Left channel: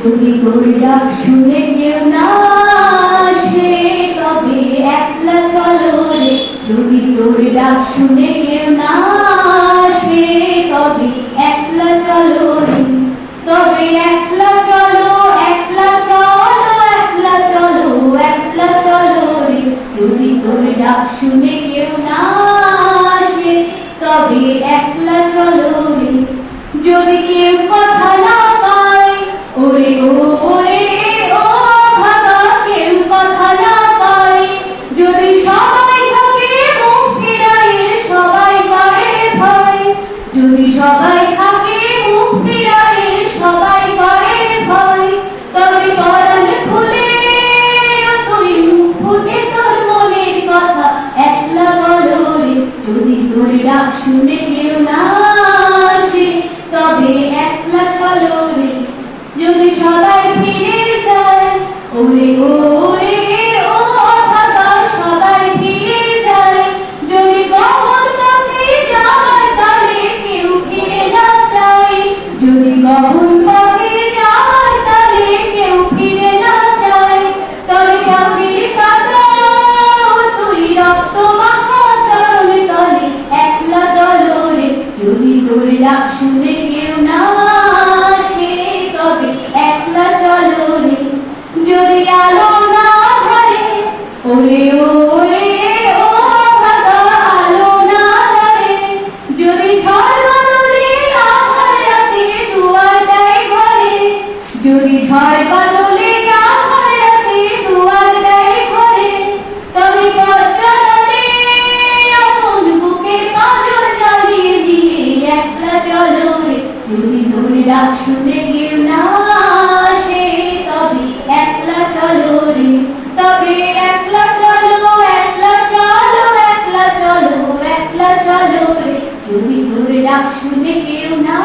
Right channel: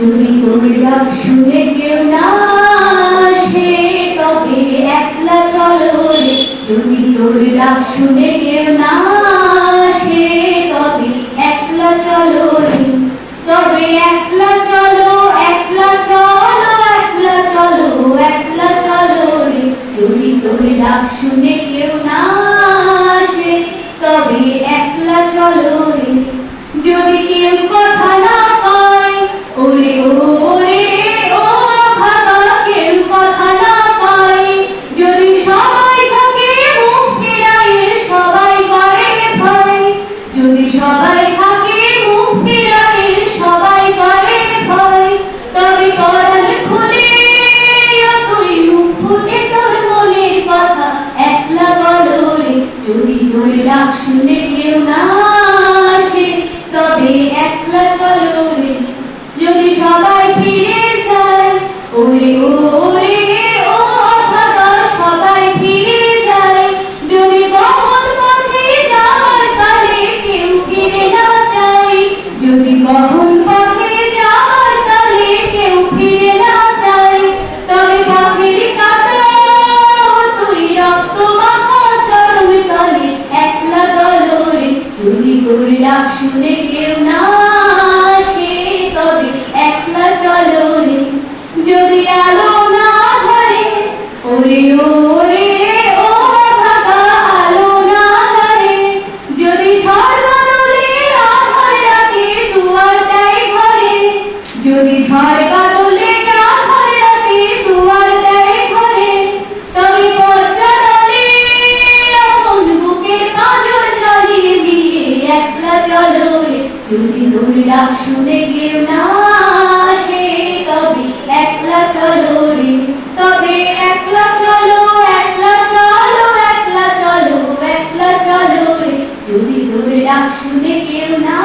যদি তোর ডাক শুনে কেউ না আসে তবে একলা চলো রে। যদি তোর ডাক শুনে কেউ না আসে তবে একলা চলো রে। তবে একলা চলো, একলা চলো, একলা চলো, একলা চলো রে। যদি তোর ডাক শুনে কেউ না আসে তবে একলা চলো রে। যদি কেউ কথা না পায়, ওরে ওরে ও ভাগা, কেউ কথা না পায়। যদি সবাই থাকে মুখ ফিরাইয়ে, সবাই পারে ভয়। যদি সবাই থাকে মুখ ফিরাইয়ে, সবাই পারে ভয়। তবে পরাণ খুলে তুই মুখ ফুটে তোর মনের কথা একলা বলো রে। যদি তোর ডাক শুনে কেউ না আসে তবে একলা চলো রে। যদি সবাই ফিরে যায়, ওরে ওরে ও ভাগা, সবাই ফিরে যায়। যদি গহন পথে যাওয়ার কালে কেউ ফিরে না চায়, যদি গহন পথে যাওয়ার কালে কেউ ফিরে না চায়, তবে পথের কাঁটা তুই রক্ত মাখা চরণ তলে একলা চলো রে। যদি তোর ডাক শুনে কেউ না আসে তবে একলা চলো রে। যদি আলো না ধরে, ওরে ওরে ও ভাগা, আলো না ধরে। যদি ঝড় বাদলে আধার রাতে দুয়ার দেয় ঘরে, যদি ঝড় বাদলে আধার রাতে দুয়ার দেয় ঘরে, তবে পথচলে আপন বুকের কাজল জ্বালিয়ে দিয়ে একলা চলো রে। যদি তোর ডাক শুনে কেউ না আসে তবে একলা চলো রে। তবে একলা চলো, একলা চলো, একলা চলো, একলা চলো রে। যদি তোর ডাক শুনে কেউ না